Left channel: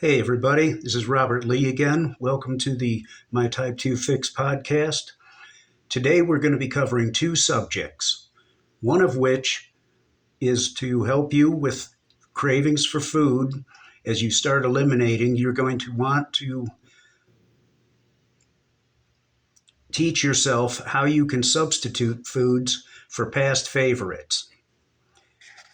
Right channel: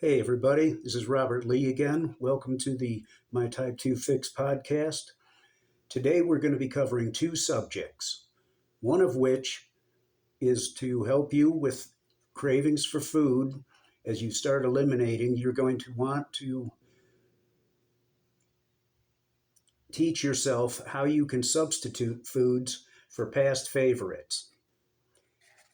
Hey, everybody, this is Robert Lee again. Welcome to the My Type 2 Fix podcast. Today, we're going to be covering two subjects, one of which is to help you with cravings for food. As you start eliminating, you're going to want to teach yourself how you can substitute foods for past favorites.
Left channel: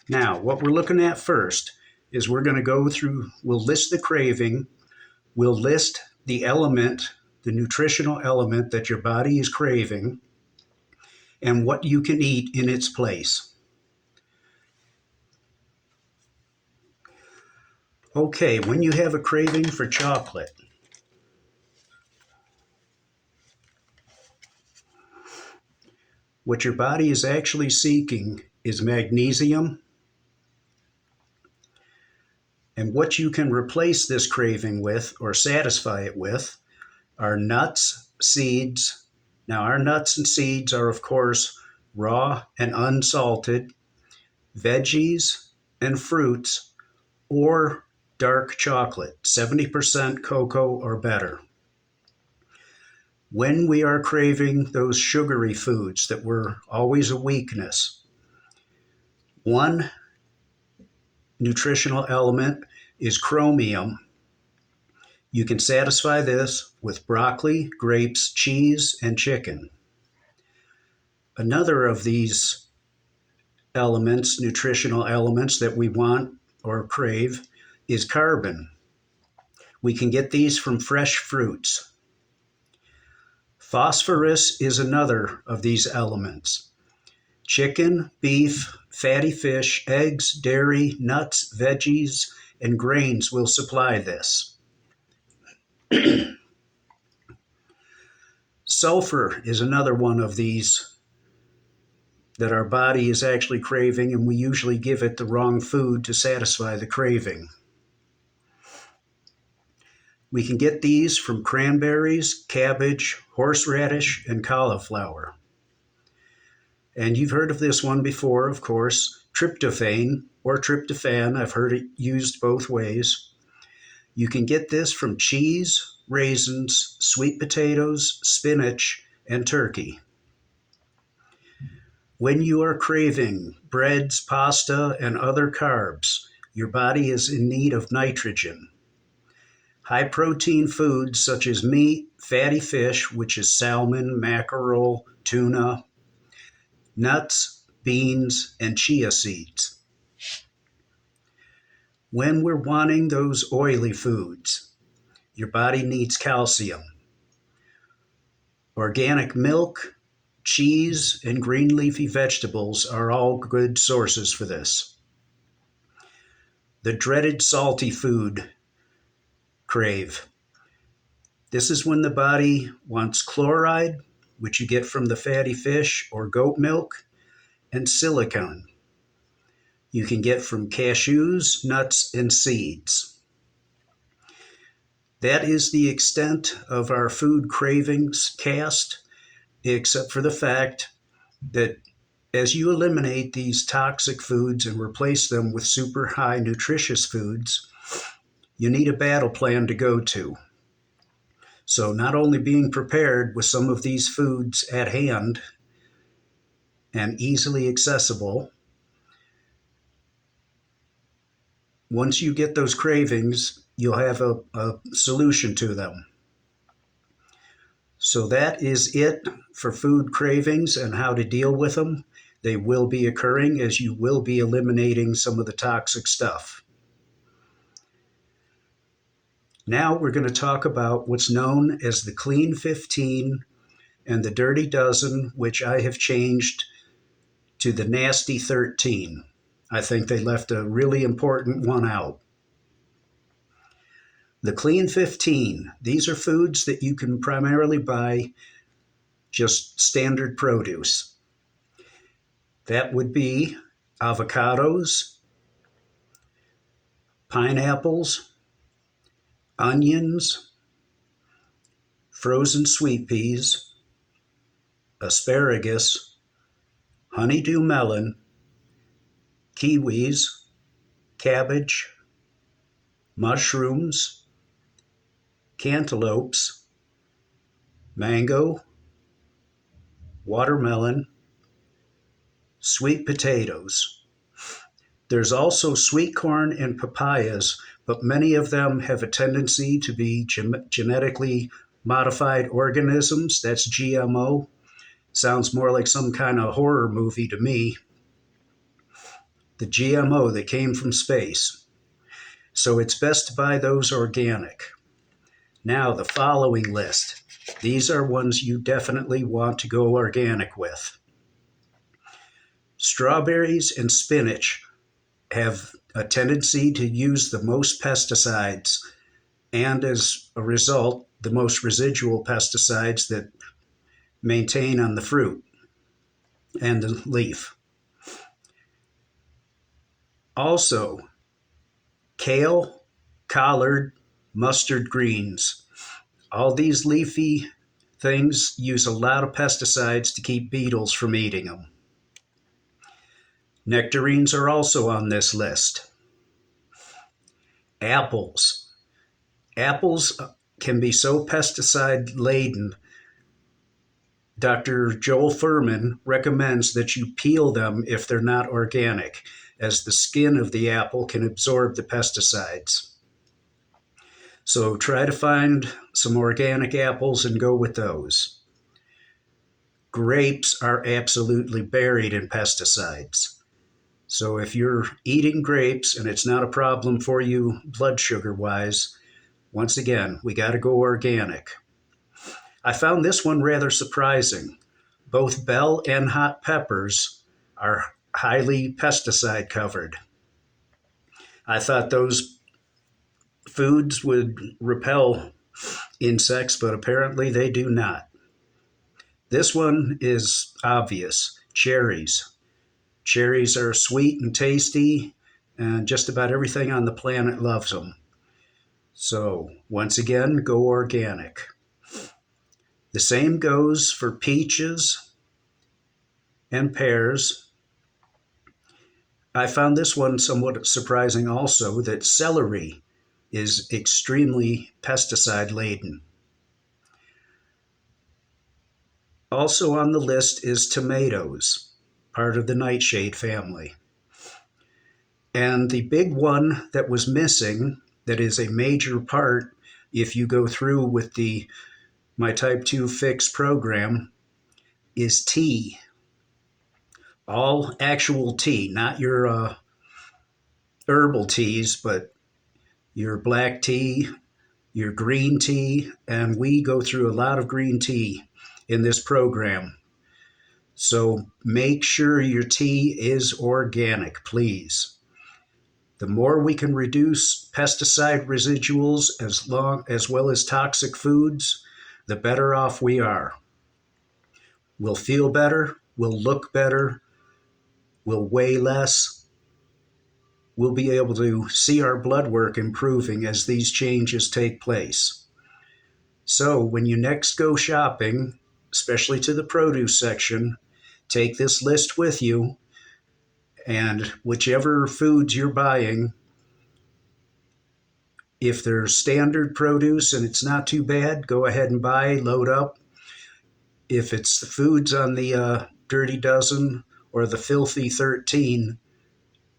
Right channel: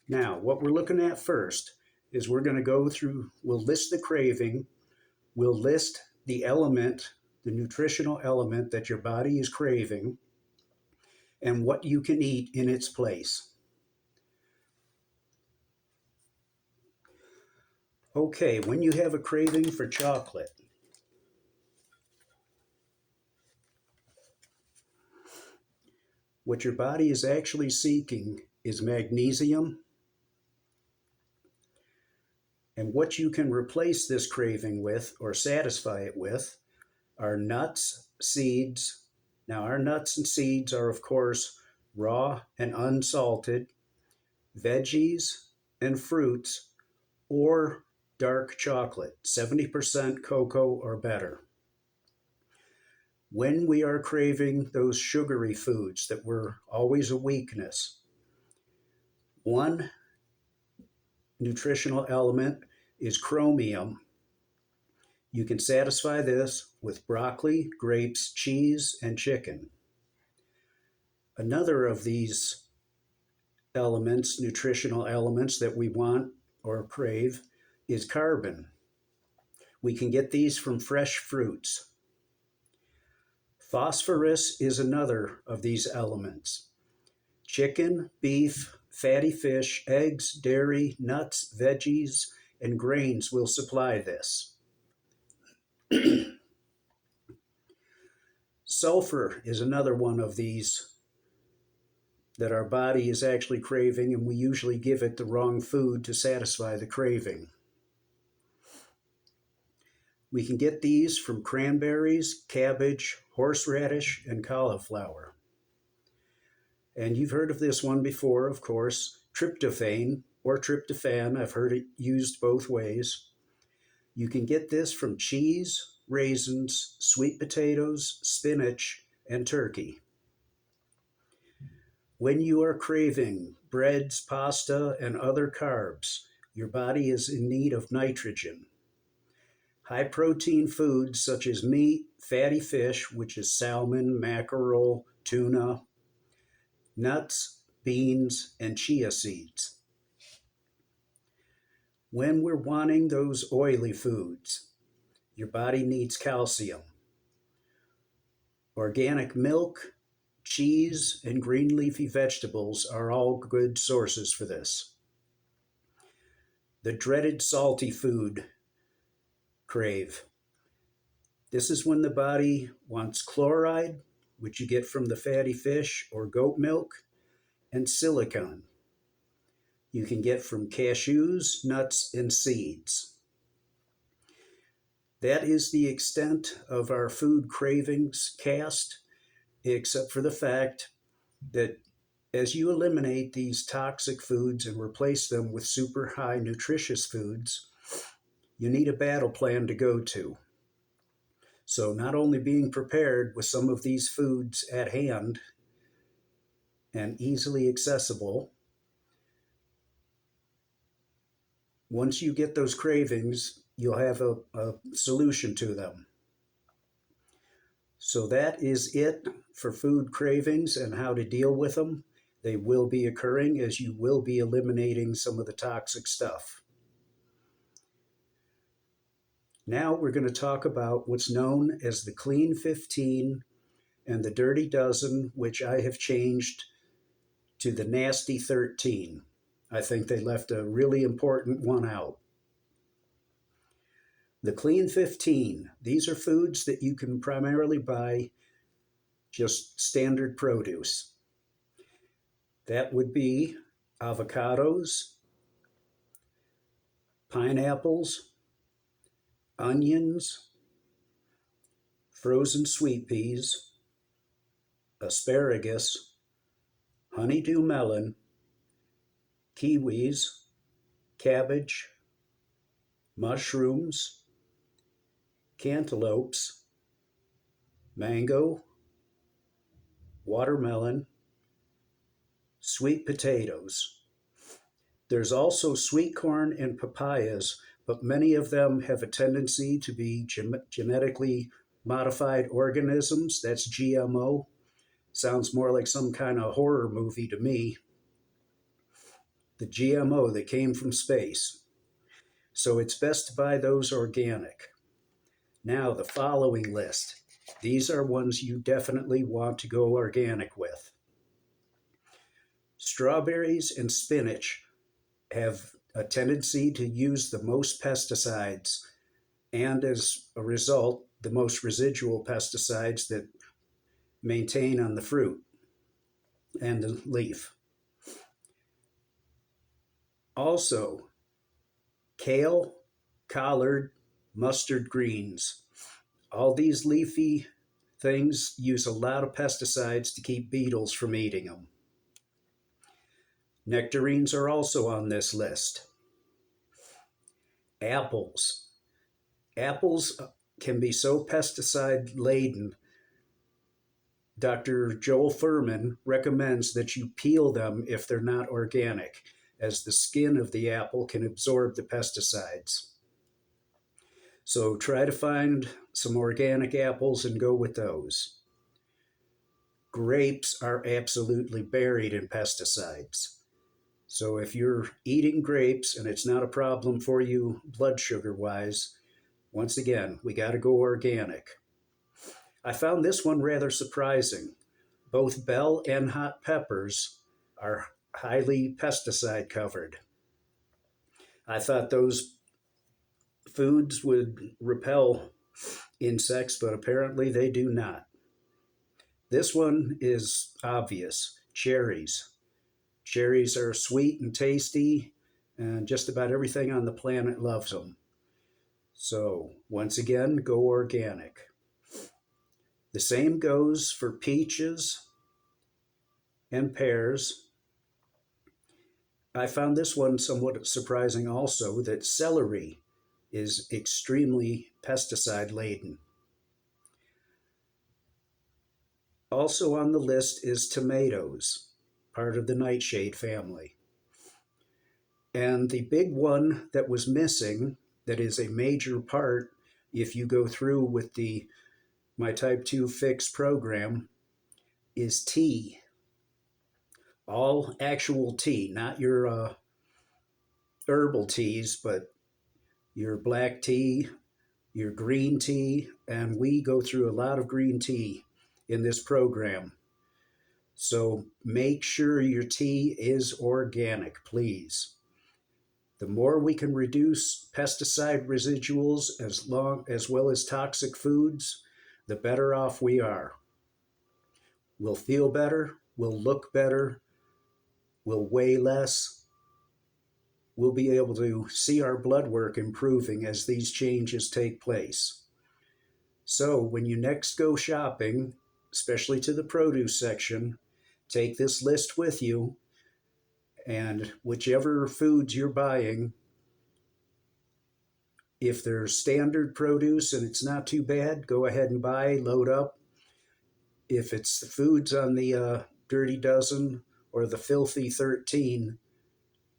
Now, what we're looking at first is we're going to go through, we'll list the craving, we'll list the element, the nutritional element that your body is craving, and what you can eat in its place. Okay, when you have a craving for chocolate, what your body is actually seeking is magnesium. And what you can replace this craving with or satisfy it with are nuts, seeds. Now, our nuts and seeds are, of course, raw and unsalted, veggies and fruits, or dark chocolate, 70% cocoa or better. When we are craving those sugary foods that were always a weakness, one nutritional element is chromium. You can satisfy this with broccoli, grapes, cheese, and chicken. Another of these elements, nutritional elements that we want or crave, is carbon. We can get these from fresh fruits. Phosphorus is another of these elements. Chicken, beef, fatty fish, eggs, dairy, nuts, veggies, and grains will supply this. Sulfur is another one of these that our body is actually craving, and we usually give it the wrong food to satisfy the craving. We can get these from cranberries, cabbage, horseradish, and cauliflower. And you've heard of this one before, of course, tryptophan or tryptophan. I've heard it used both ways. You can get this from cheese, raisins, sweet potatoes, spinach, and turkey. When you are craving breads, pasta, and other carbs, your body is in need of nitrogen. High protein foods such as meat, fatty fish, which is salmon, mackerel, tuna, nuts, beans, and chia seeds. When we're wanting those oily foods, your body needs calcium. Organic milk, cheese, and green leafy vegetables are all good sources for this. The dreaded salty food crave. This is when the body wants chloride, which you get from the fatty fish or goat milk, and silicon. You can get from cashews, nuts, and seeds. That is the extent of our food cravings cast, except for the fact that as you eliminate these toxic foods and replace them with super high nutritious foods, you need a battle plan to go to. So not only being prepared with some of these foods at hand and easily accessible, once you get those cravings, you'll have a solution to them. So that is it for food cravings and how to deal with them. They will be occurring as you will be eliminating some of the toxic stuff. Now we're going to talk about what's known as the Clean 15 and the Dirty Dozen, which I have changed to the Nasty 13. I think they left a really important one out. The Clean 15, these are foods that you can primarily buy just standard produce. That would be avocados, pineapples, onions, frozen sweet peas, asparagus, honeydew melon, kiwis, cabbage, mushrooms, cantaloupes, mango, watermelon, sweet potatoes. There's also sweet corn and papayas, but many of them have a tendency to be genetically modified organisms. That's GMO. Sounds more like some kind of horror movie to me. The GMO that came from space. So it's best to buy those organic. Now, the following list. These are ones you definitely want to go organic with. Strawberries and spinach have a tendency to use the most pesticides, and as a result, the most residual pesticides that maintain on the fruit and the leaf. Also, kale, collard, mustard greens. All these leafy things use a lot of pesticides to keep beetles from eating them. Nectarines are also on this list. Apples. Apples can be so pesticide laden. Dr. Joel Furman recommends that you peel them if they're not organic, as the skin of the apple can absorb the pesticides. So try to find some organic apples and go with those. Grapes are absolutely buried in pesticides. So if you're eating grapes and it's not a problem for you blood sugar wise, once again, we got to go organic. I found this one rather surprising. Both bell and hot peppers are highly pesticide covered. I thought those foods would repel insects, but apparently they do not. This one is obvious. Cherries. Cherries are sweet and tasty, and just about everything on the planet loves them. So, once again, go organic. The same goes for peaches and pears. I found this one somewhat surprising also, that celery is extremely pesticide laden. Also on the list is tomatoes, part of the nightshade family. And the big one that was missing, that is a major part if you go through with my type 2 fix program, is tea. All actual tea, not your herbal teas, but your black tea, your green tea, and we go through a lot of green tea in this program. So make sure your tea is organic, please. The more we can reduce pesticide residuals as well as toxic foods, the better off we are. We'll feel better, we'll look better, we'll weigh less. We'll be able to see our blood work improving as these changes take place. So when you next go shopping, especially to the produce section, take this list with you, and whichever foods you're buying, if they're standard produce and it's not too bad, go ahead and buy, load up. If it's the foods on the Dirty Dozen or the Filthy 13,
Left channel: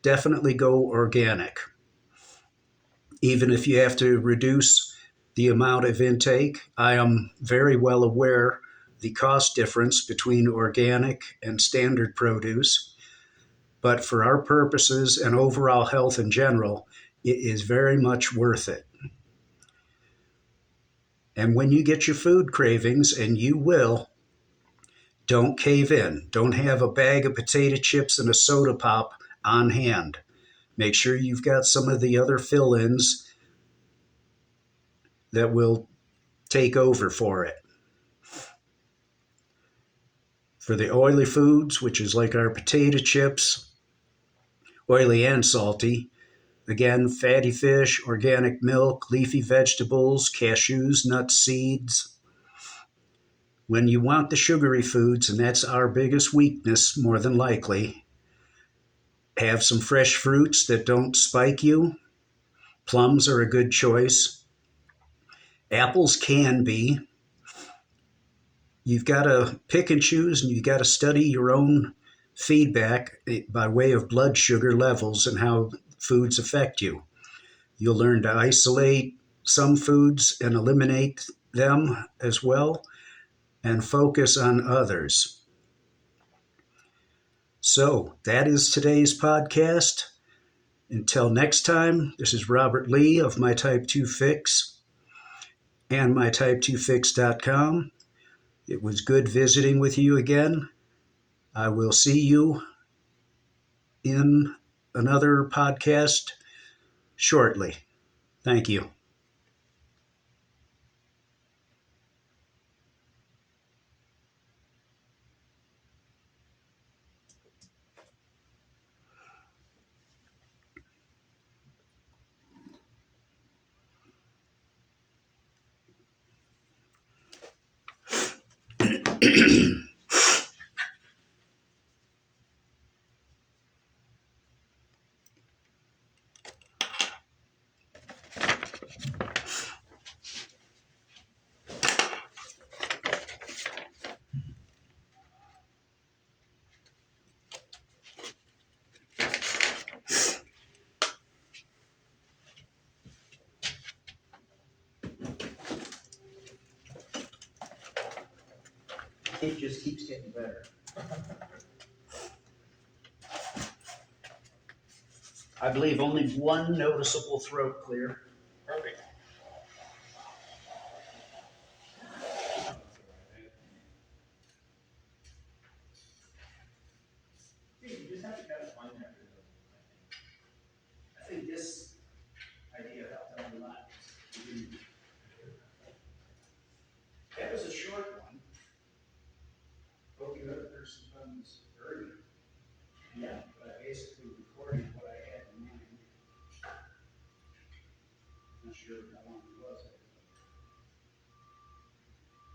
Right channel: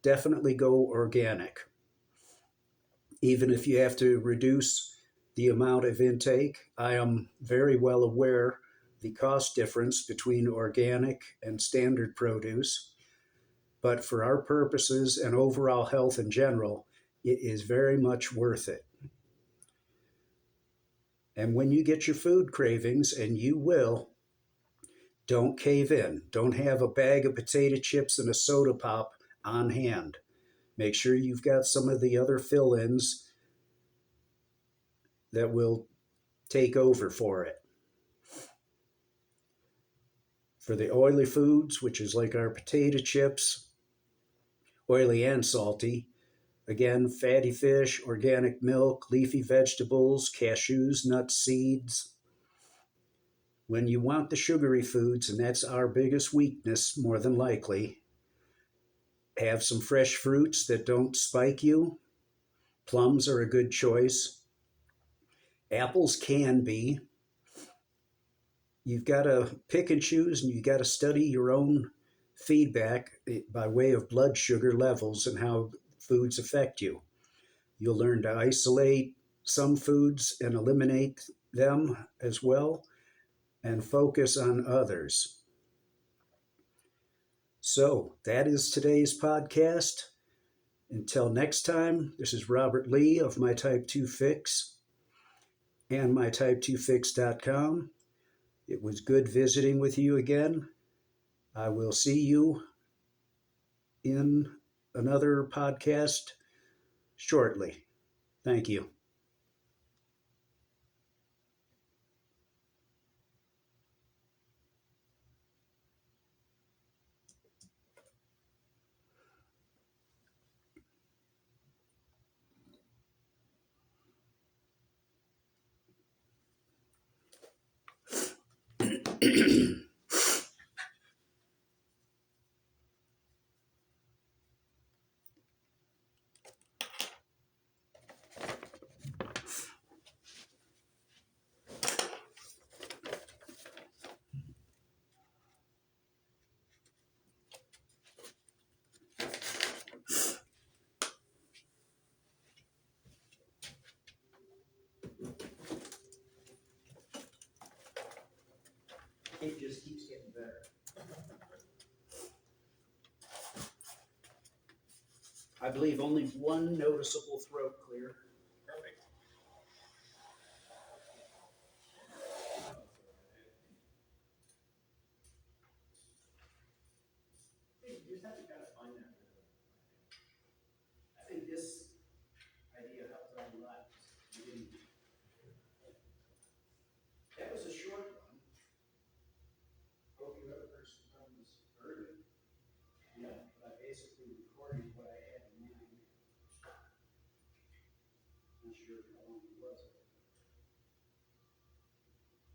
definitely go organic. Even if you have to reduce the amount of intake, I am very well aware the cost difference between organic and standard produce. But for our purposes and overall health in general, it is very much worth it. And when you get your food cravings, and you will, don't cave in. Don't have a bag of potato chips and a soda pop on hand. Make sure you've got some of the other fill-ins that will take over for it. For the oily foods, which is like our potato chips, oily and salty, again, fatty fish, organic milk, leafy vegetables, cashews, nuts, seeds. When you want the sugary foods, and that's our biggest weakness more than likely, have some fresh fruits that don't spike you. Plums are a good choice. Apples can be. You've got to pick and choose, and you've got to study your own feedback by way of blood sugar levels and how foods affect you. You'll learn to isolate some foods and eliminate them as well, and focus on others. So, that is today's podcast. Until next time, this is Robert Lee of My Type 2 Fix and mytype2fix.com. It was good visiting with you again. I will see you in another podcast shortly. Thank you. It just keeps getting better. I believe only one noticeable throat clear. Perfect. You just have to kind of find that rhythm, I think this idea helped out a lot. That was a short one. Hope the other person comes early. Yeah, but I basically recorded what I had in mind. Not sure how long it was.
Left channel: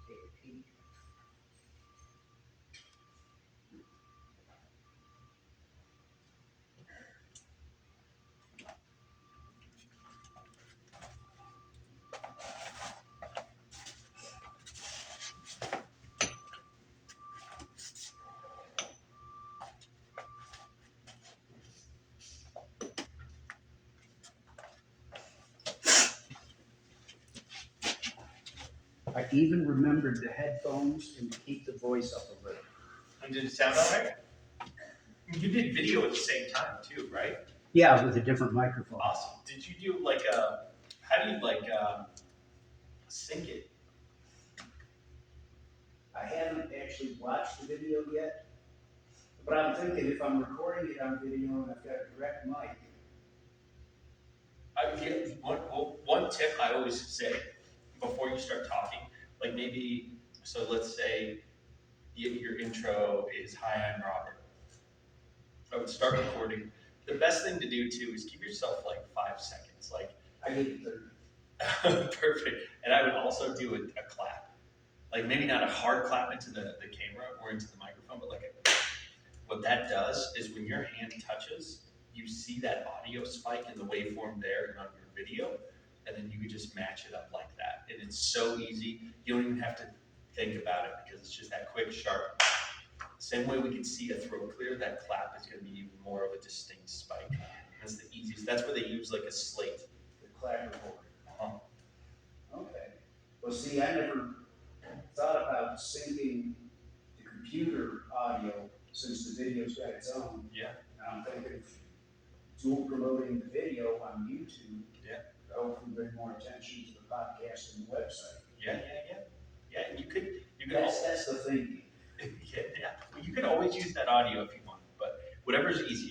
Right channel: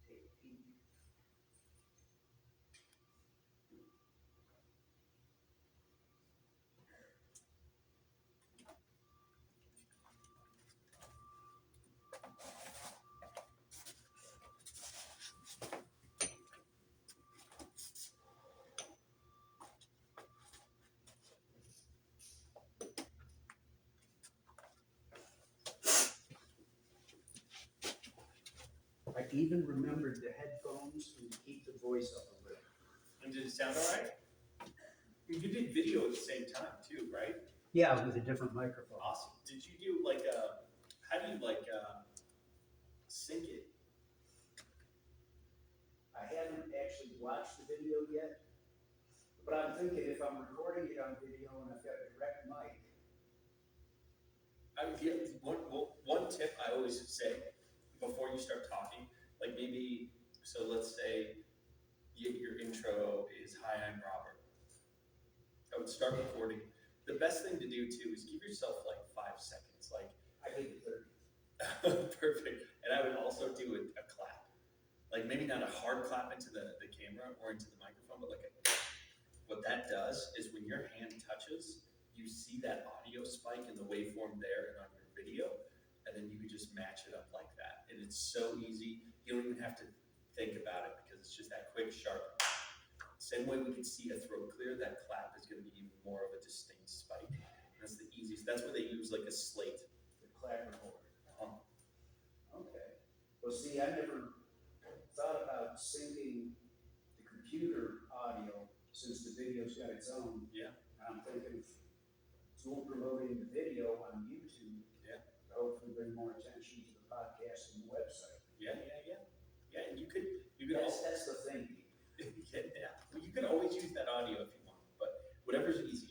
Take a peek. I even remembered the headphones and to keep the voice up a little. And did it sound all right? You did video at the same time too, right? Yeah, with a different microphone. Awesome. Did you do like a? How do you like sync it? I haven't actually watched the video yet, but I'm thinking if I'm recording it on video and I've got a direct mic. One tip I always say before you start talking, like maybe so. Let's say your intro is "Hi, I'm Robert." I would start recording. The best thing to do too is give yourself like 5 seconds. Like I give it 30. perfect. And I would also do a clap. Like maybe not a hard clap into the camera or into the microphone, but like what that does is when your hand touches, you see that audio spike in the waveform there and on your video, and then you can just match it up like that. And it's so easy. You don't even have to think about it because it's just that quick, sharp. Same way we can see a throat clear, that clap is going to be even more of a distinct spike. That's the easiest. That's where they use like a slate. The clapperboard. Okay. Well, see, I never thought about syncing the computer audio since the video's got its own. Yeah. And I'm thinking of dual promoting the video on YouTube. Yeah. To hopefully bring more attention to the podcast and the website. Yeah. Yeah, you could. That's the thinking. Yeah. You can always use that audio if you want, but whatever's easiest.